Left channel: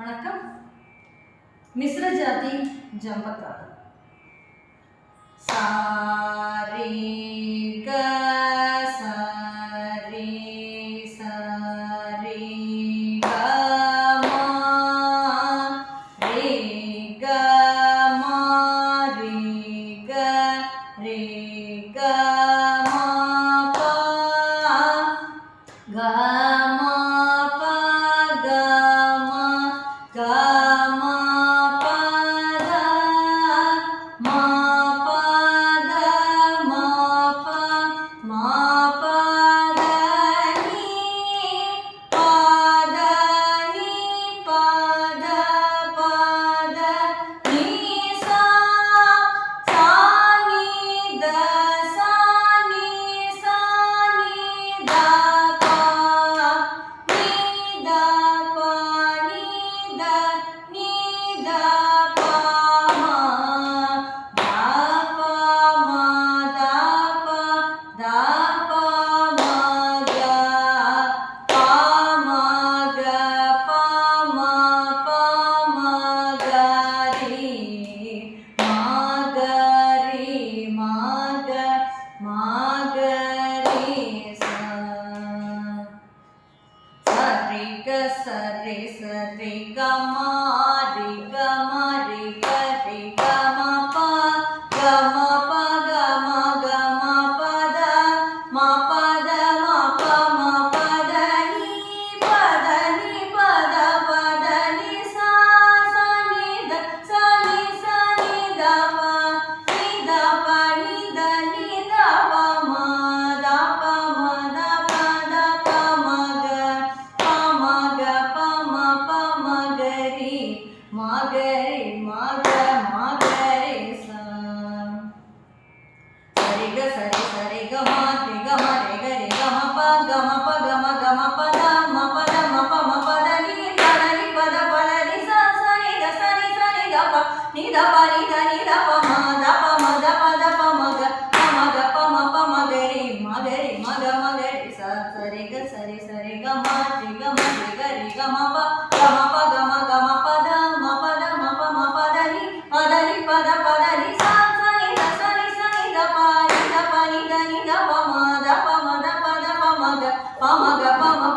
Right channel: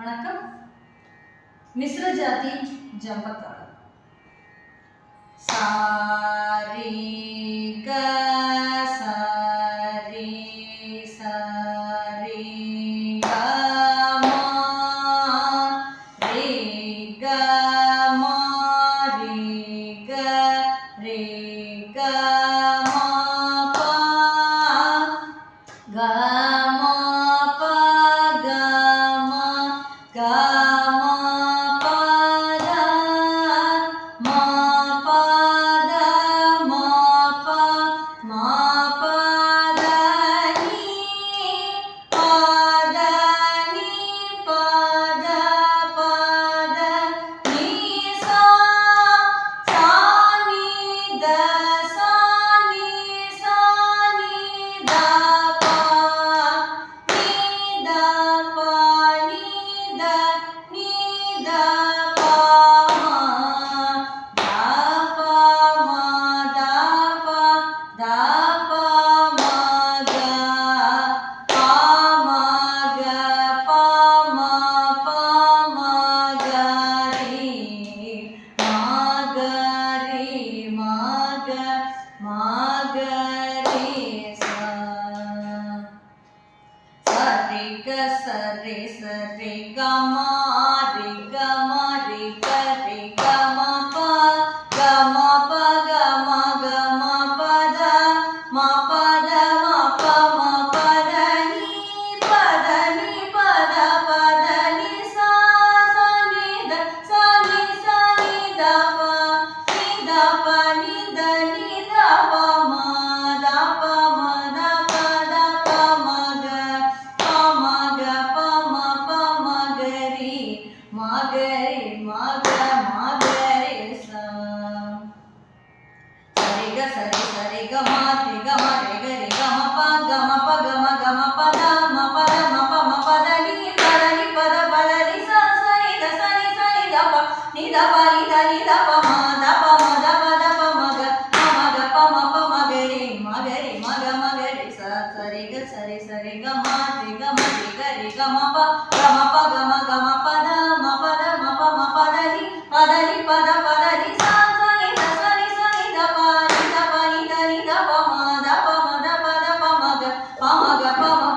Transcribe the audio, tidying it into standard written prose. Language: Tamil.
வணக்கம். மிஸ்ர ஜாதி ஜம்பத்தாளம். சா ரே க சா ரே சா ரே க மா ரே க மா ரே க ரே க மா பா க மா பா க மா க மா பா த மா பா த மா பா மா பா த நீ பா த நீ பா த நீ சா சா நீ த சா நீ சா நீ த பா நீ த பா நீ த பா மா த பா மா த பா மா க பா மா க பா மா க ரே மா க ரே மா க ரே சா சரி க சரி சரி க மா ரே க மா ரே க ரே க மா பா க மா பா க மா ப த மா ப த மா ப த நீ ப த நீ ப த நீ சா சா நீ த சா நீ த ப நீ த ப நீ த ப மா த ப மா த ப மா க பா மா க பா மா க ரே மா க ரே மா க ரே சா சரி க சரி சரி க மா ரே க மா ரே க ரே க மா பா க மா ப க மா ப த மா ப த மா ப த நீ ப த நீ ப த நீ சா சா நீ த ப நீ த ப ப மா த ப மா த ப மா க ப மா க ரே மா க ரே சா சரி க சரி சரி க மா ரே க ரே க மா ப க மா ப த மா ப த நீ ப த நீ ப த நீ சா சா நீ த த ப நீ த ப மா த ப மா க ப மா க